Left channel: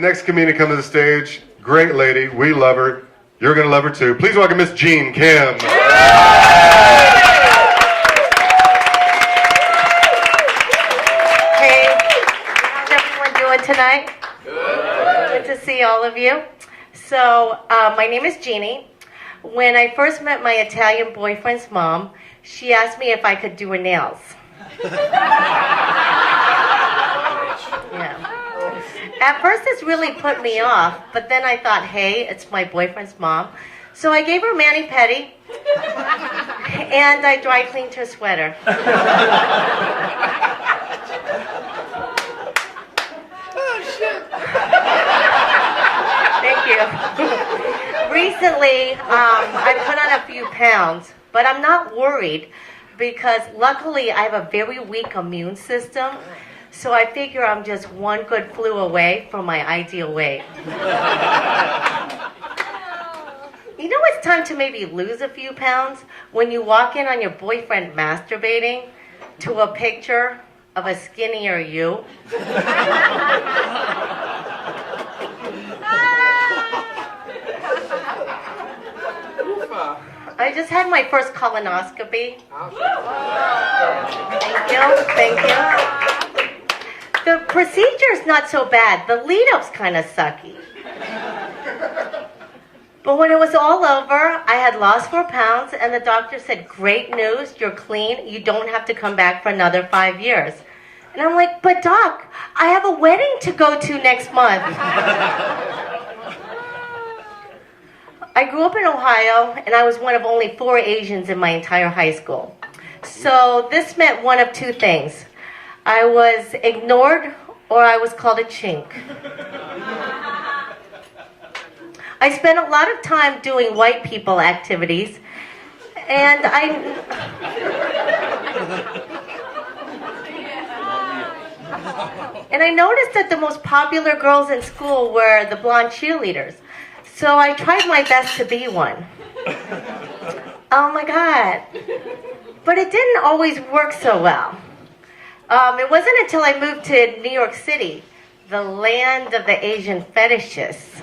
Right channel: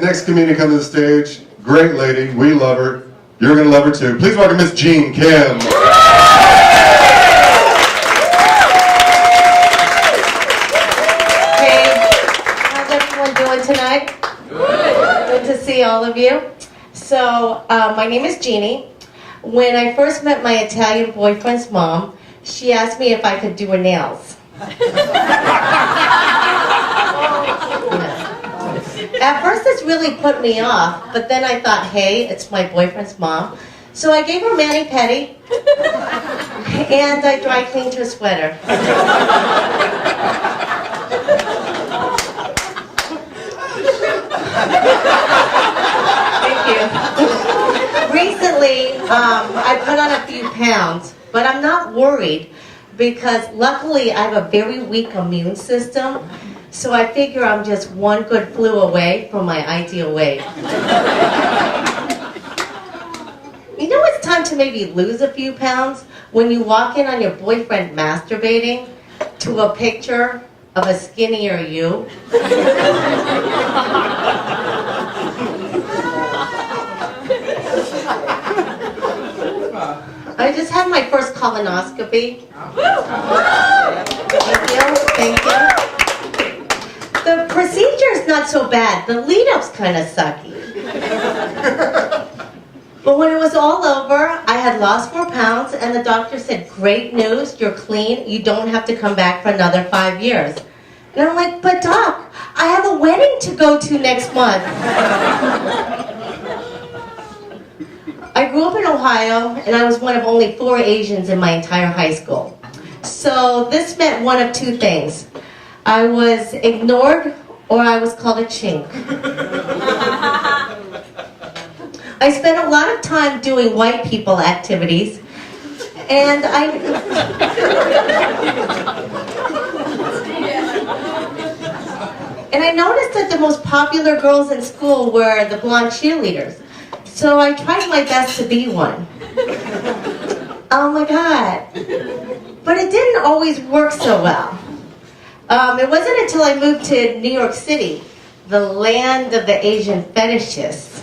Next comedian comes to the stage. Great lady. We love her. You're going to love her too. Please welcome Miss Jean Kim. Hey, how's everyone doing tonight? Good to see all of you. So, my name is Jeannie. When I first met my Italian boyfriend's mom, she asked me if I could do her nails. At first this really put me off, but then I thought, hey, it's my boyfriend's mom. So I gave her mani-pedi, and I dry cleaned her sweater. Thank you. Recently, I put on a few pounds, but I'm not worried because luckily I have a very weak immune system. So I figure I'm just one good flu away from my ideal weight. You know it's time to maybe lose a few pounds when you walk in on your boyfriend masturbating to a picture of a skinnier you. I just had my first colonoscopy. Thank you. The procedure is not so bad. The lead-up's kind of sucky. But when it was all over, I had lost 4 pounds, and the doctor said, great news, you're clean, you don't have to come back for another 5 years. And I'm like, but doc, I have a wedding to go to next month. I grew up in Ohio, and I was one of only 4 Asians in my entire high school. So this meant one of 2 things. I was ignored, or I was called a chink. I spent a lot of time doing white people activities, and I noticed that the most popular girls in school were the blonde cheerleaders. So I tried my best to be one. Oh my God. But it didn't always work so well. It wasn't until I moved to New York City, the land of the Asian fetishists,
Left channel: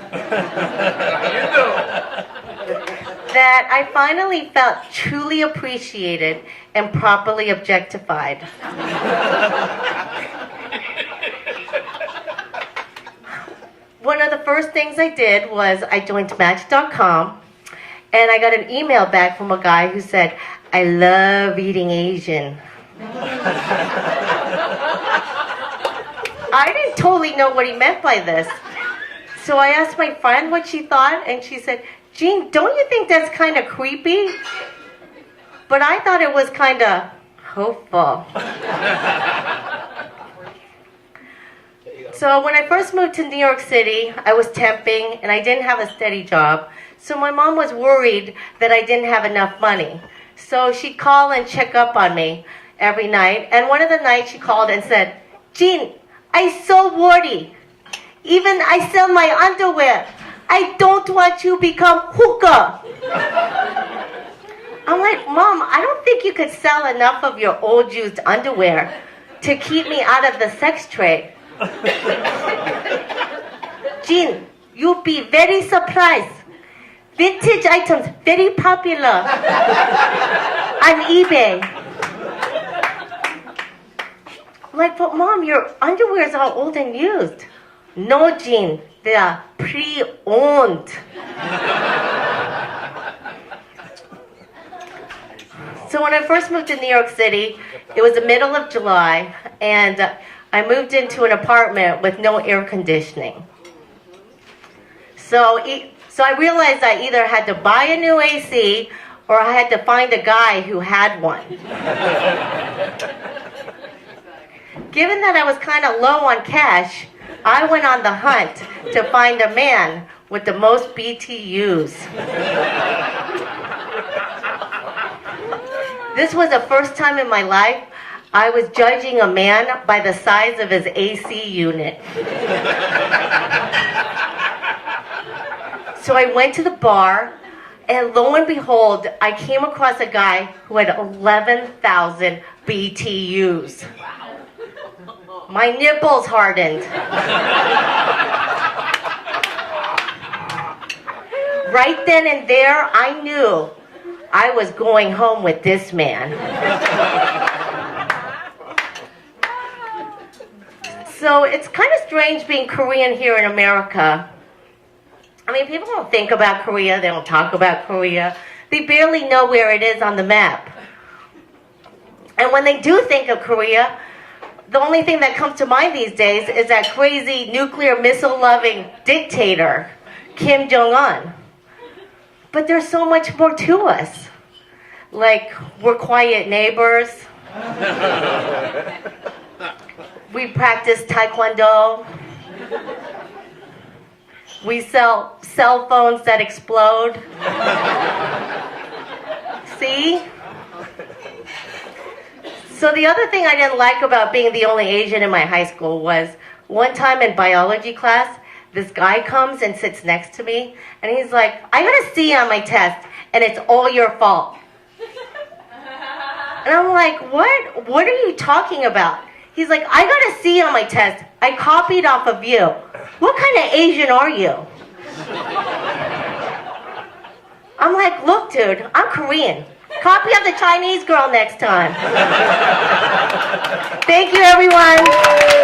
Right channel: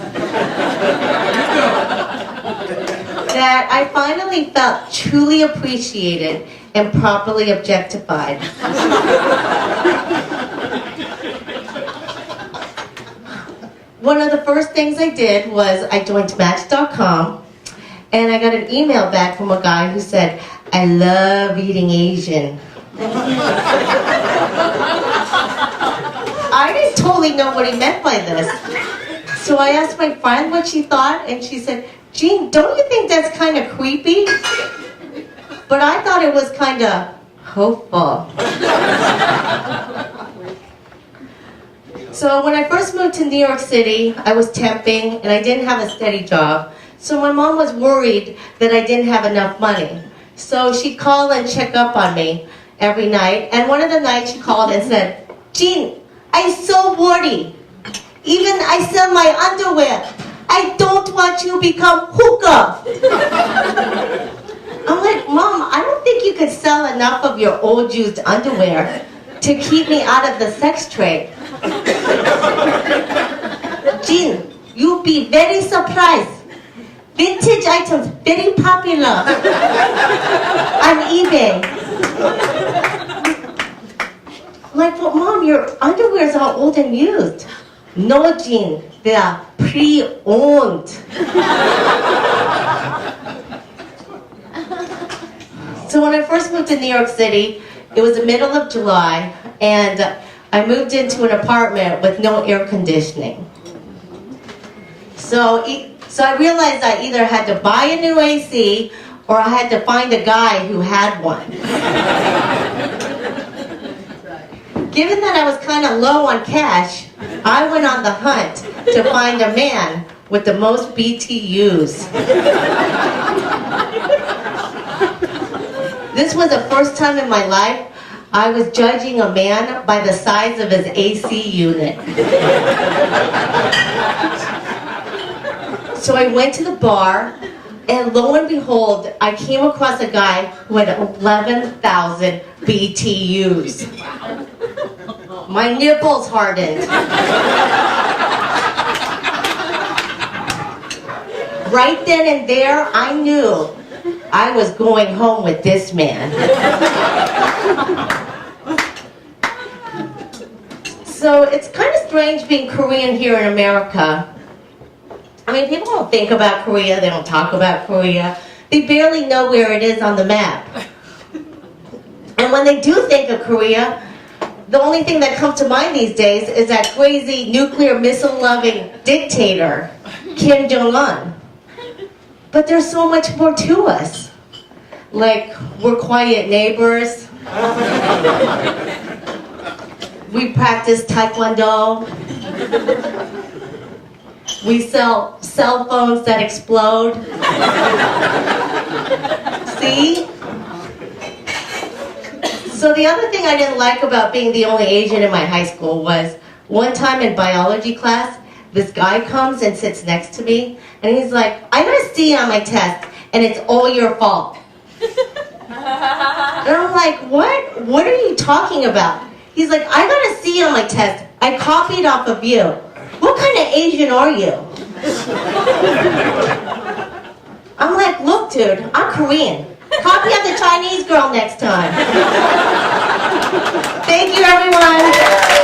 that I finally felt truly appreciated and properly objectified. One of the first things I did was I joined Match.com, and I got an email back from a guy who said, I love eating Asian. I didn't totally know what he meant by this. So I asked my friend what she thought, and she said, Jean, don't you think that's kind of creepy? But I thought it was kind of hopeful. So when I first moved to New York City, I was temping, and I didn't have a steady job. So my mom was worried that I didn't have enough money. So she'd call and check up on me every night. And one of the nights she called and said, Jean, I'm so worried. Even I sell my underwear. I don't want you to become hookah. I'm like, Mom, I don't think you could sell enough of your old used underwear to keep me out of the sex trade. Jean, you'll be very surprised. Vintage items, very popular on eBay. Like, but Mom, your underwears are old and used. No, Jean, they are pre-owned. So when I first moved to New York City, it was the middle of July, and I moved into an apartment with no air conditioning. So I realized I either had to buy a new AC or I had to find a guy who had one. Given that I was kind of low on cash, I went on the hunt to find a man with the most BTUs. This was the first time in my life I was judging a man by the size of his AC unit. So I went to the bar, and lo and behold, I came across a guy who had 11,000 BTUs. My nipples hardened. right then and there, I knew I was going home with this man. So it's kind of strange being Korean here in America. I mean, people don't think about Korea, they don't talk about Korea. They barely know where it is on the map. And when they do think of Korea, the only thing that comes to mind these days is that crazy nuclear missile-loving dictator, Kim Jong-un. But there's so much more to us. Like, we're quiet neighbors. We practice Taekwondo. We sell cell phones that explode. See? So the other thing I didn't like about being the only Asian in my high school was one time in biology class, this guy comes and sits next to me, and he's like, I got a C on my test, and it's all your fault. And I'm like, what? What are you talking about? He's like, I got a C on my test. I copied off of you. What kind of Asian are you? I'm like, look, dude, I'm Korean. Copy of the Chinese girl next time. Thank you, everyone.